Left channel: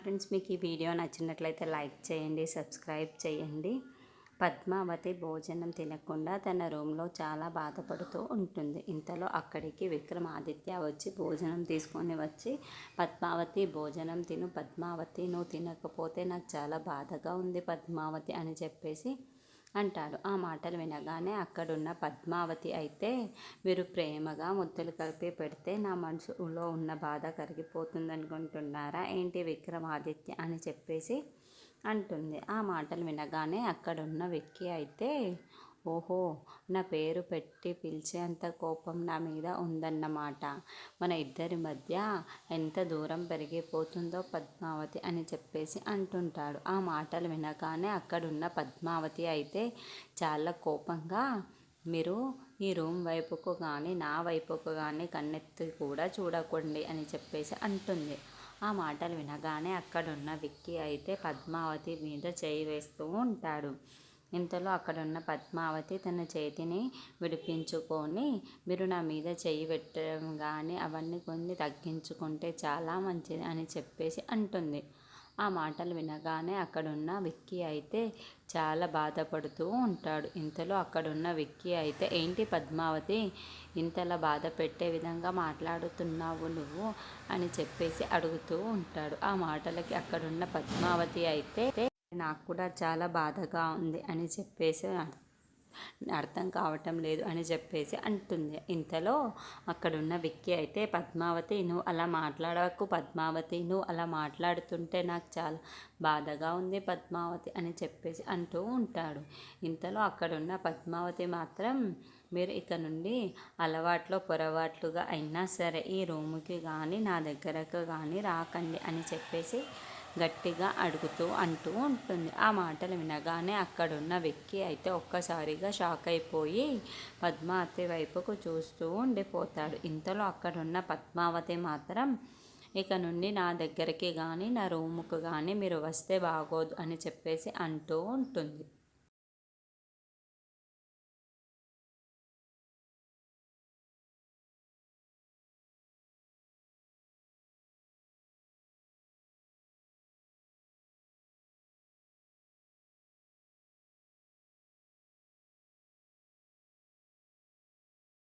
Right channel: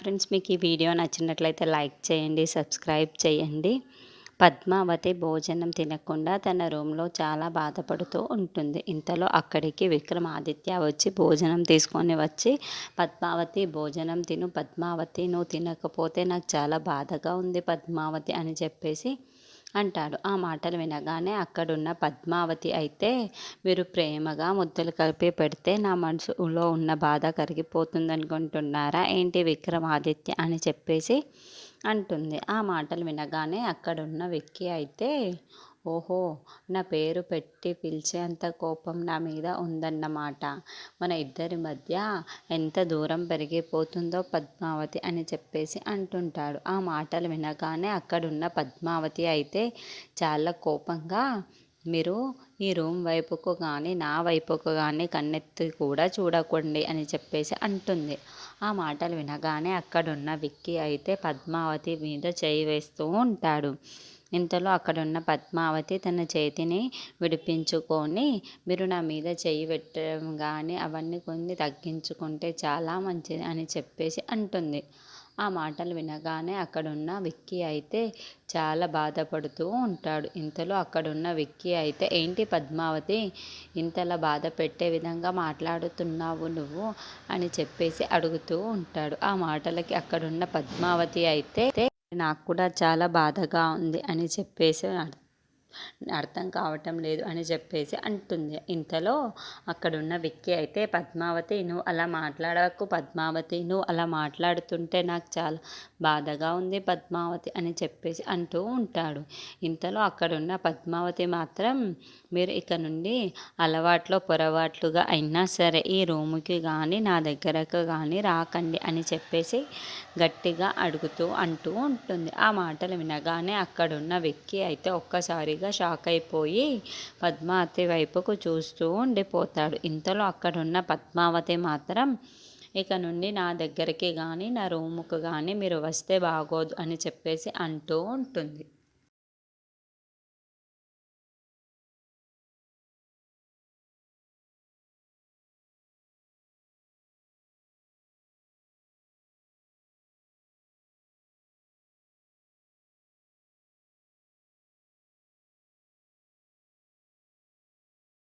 Friends, మీకు ఈ video నచ్చినట్లయితే లైక్ చేయండి, సబ్స్క్రైబ్ చేయండి. పద్మావతి భోజనం తినకుండా తన రూమ్లో చాలా బాధపడుతూ ఉంటుంది. ఇంతలో అక్కడికి విక్రమాదిత్య వచ్చి భోజనం తీసుకొని వచ్చి, పద్మావతి భోజనం తిను, పద్మావతి నువ్వు తినకపోతే నాకు చాలా బాధగా ఉంది పద్మావతి అని చెప్పేసి అంటాడు. ఆ మాటలు వినగానే అక్కడున్న పద్మావతి అయితే, మీరు ప్రేమగా ముద్దలు కలిపి పెడితే నా మనసులో ఉన్న బాధ కరిగిపోతుంది అనుకుంటున్నారా ఏంటి విక్రమాదిత్య అని చెప్పేసి అంటుంది. ఆ మాటలు వినగానే అక్కడున్న విక్కీ అయితే, ఓహో, నా పేరు పెట్టి పిలిచేంత కోపం నా మీద ఉందన్నమాట. మన ఇద్దరి మధ్య ఎంత దూరం పెరిగిపోతుందో పద్మావతి అని చెప్పేసి అంటుంటాడు. ఆ మాటలు వినగానే అక్కడున్న పద్మావతి అయితే చాలా కోపంగా, మీరు ఈ రూమ్ వైపుకు కానీ నా వైపుకు కానీ కన్నెత్తి కూడా చూడకండి అని చెప్పేసి అంటుంది. ఆ మాటలు వినగానే అక్కడున్న విక్కీ అయితే పద్మావతి మీద చేయి వేస్తూ ఉంటాడు. ఇంతలో అక్కడున్న పద్మావతి తన చేతిని విడిపించుకొని, మీరు నా మీద చెయ్యి పెట్టడం కానీ అవన్నీ కొన్ని తగ్గించుకుంటే చాలా మంచిది అని చెప్పేసి అంటుంది. ఆ మాటలు వినగానే అక్కడున్న విక్కీ అయితే చాలా బాధపడుతూ ఉంటాడు. ఇంతలో అక్కడున్న విక్కీ అయితే, ఏంటి పద్మావతి, ఇంతలా బాధ పెట్టే విధంగా మాట్లాడుతున్నావు నువ్వు అని చెప్పేసి అడుగుతూ ఉంటాడు. ఆ మాటలకి అక్కడున్న పద్మావతి అయితే, నాకు కూడా చాలా బాధగా ఉంది అని చెప్పేసి అర్థం కావటం లేదు అని చెప్పేసి అంటుంది. ఇంతలో అక్కడున్న విక్కీ అయితే, పద్మావతి నువ్వు అలా మాట్లాడకు పద్మావతి, నువ్వు అలా మాట్లాడుతుంటే నాకు చాలా బాధగా ఉంది పద్మావతి అని చెప్పేసి అంటూ ఉంటాడు. ఇంతలో అక్కడున్న పద్మావతి మాత్రం, మీరు ఇక నుండి అలవాట్లో పొరపాట్లుగా అయినా సరే ఈ రూముకి కానీ నా దగ్గరకు కానీ రాకండి అని చెప్పేసి గట్టిగా అంటూ ఉంటుంది. ఆ మాటలు వినగానే అక్కడున్న విక్కీ అయితే ఒక్కసారిగా షాక్ అయిపోయి పద్మావతి వైపుకు చూస్తూ ఉండిపోతాడు. ఇంతలో అక్కడున్న పద్మావతి మాత్రం, ఇక నుండి నా దగ్గరికి కానీ నా రూముకు కానీ మీరు వస్తే బాగోదు అని చెప్పేసి అంటూ ఉంటుంది.